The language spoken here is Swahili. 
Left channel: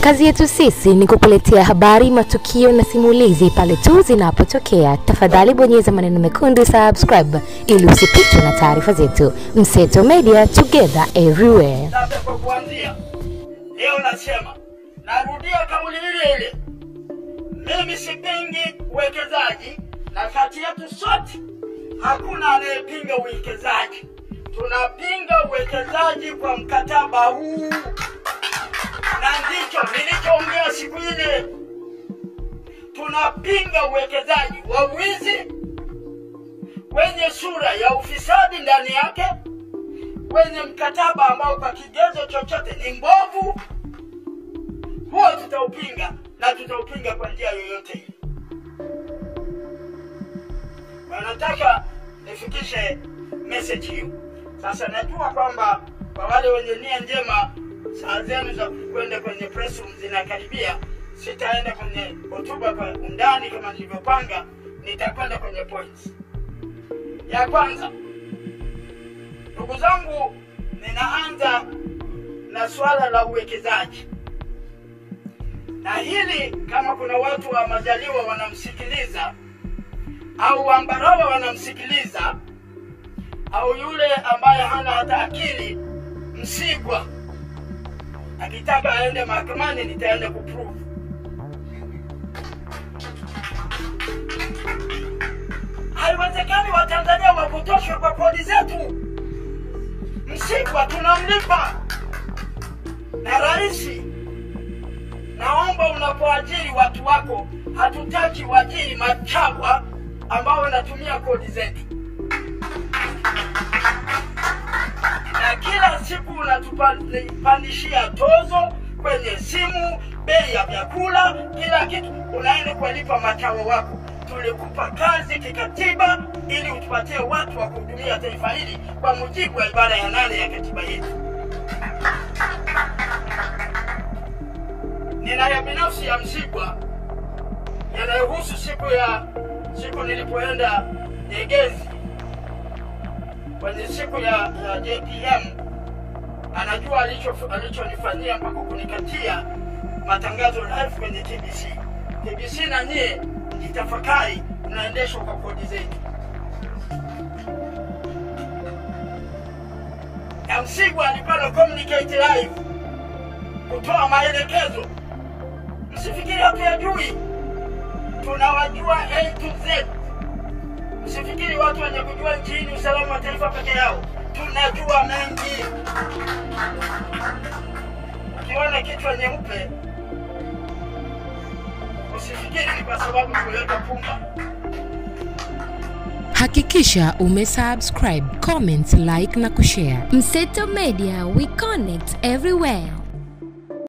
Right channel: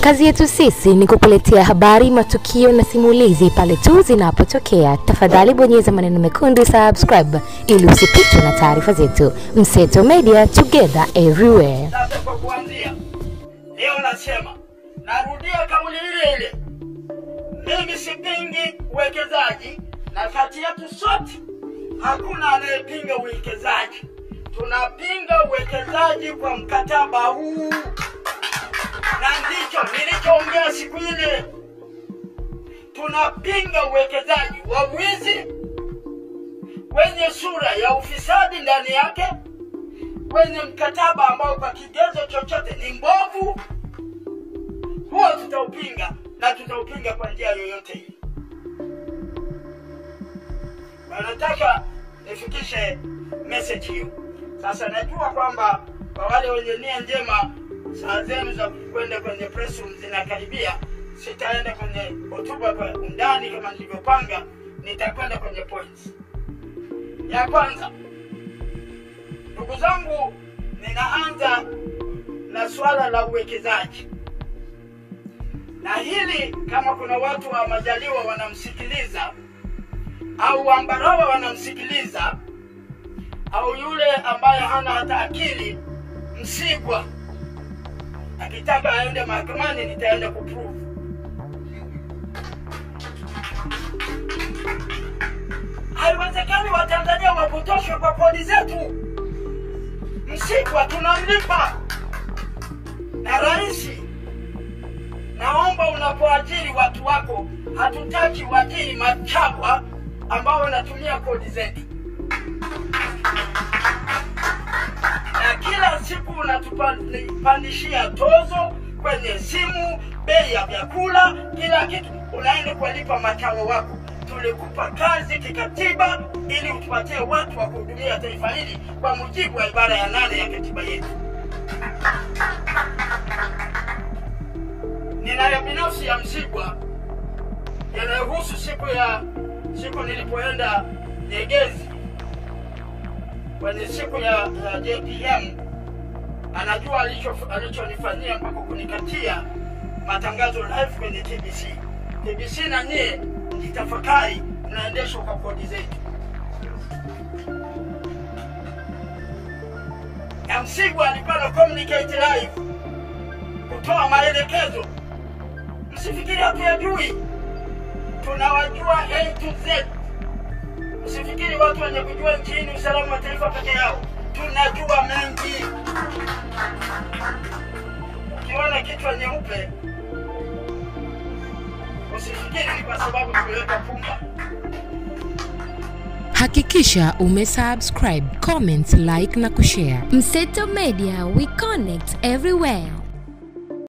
Kazi yetu sisi ni kukuletea habari, matukio na simulizi pale tu zinapotokea. Tafadhali bonyeza maneno mekundu subscribe ili usipitwe na taarifa zetu. Mseto Media, together everywhere. Sasa kwa kuanzia leo nasema, narudia kauli ile. Mimi sipingi uwekezaji, na kati yetu sote hakuna anayepinga uwekezaji. Tunapinga uwekezaji kwa mkataba huu. Na ndicho nilichoongea siku ile. Tunapinga uwekezaji wa wizi wenye sura ya ufisadi ndani yake, wenye mkataba ambao kwa kigezo chochote ni mbovu. Huo tutaupinga, na tutaupinga kwa njia yoyote hii. Nataka nifikishe message hiyo. Sasa najua kwamba kwa wale wenye nia njema, saa zenu za kwenda kwenye press room zinakaribia. Sitaenda kwenye hotuba kwa undani kama nilivyopanga, nitakwenda kwenye points. Ya kwanza, ndugu zangu, ninaanza na swala la uwekezaji. Na hili kama kuna watu wa Majaliwa wanamsikiliza, au Ambarawa wanamsikiliza, au yule ambaye hana hata akili, Msigwa akitaka aende mahakamani, nitaenda kuprove. Haiwezekani Watanzania wapotoshwe kwa kodi zetu. Msigwa tunamlipa na rais. Naomba unapoajiri watu wako, hatutaki waajiri machawa ambao wanatumia kodi zetu. Na kila siku unatupandishia tozo kwenye simu, bei ya vyakula, kila kitu unaenda kulipa machawa wako. Tulikupa kazi kikatiba ili utupatie watu wa kuhudumia taifa hili kwa mujibu wa ibara ya 8 ya katiba yetu. Ninayo binafsi ya Msigwa yanayohusu siku nilipoenda Nyegezi kwenye siku ya JPM. Anajua alichonifanyia mpaka kunikatia matangazo live kwenye TBC. TBC na nyie mtafakari, mnaendeshwa kwa kodi zetu. Na Msigwa alikuwa na communicate live kutoa maelekezo. Msifikiri hatuyajui. Tunawajua A to Z. Msifikiri watu wenye kujua nchini usalama wa taifa peke yao. Tunajua mengi. Ukiona kichwa nyeupe, usifikiri ni kwa sababu tuweka pumba. Hakikisha umesubscribe, comment, like na kushare. Mseto Media, we connect everywhere.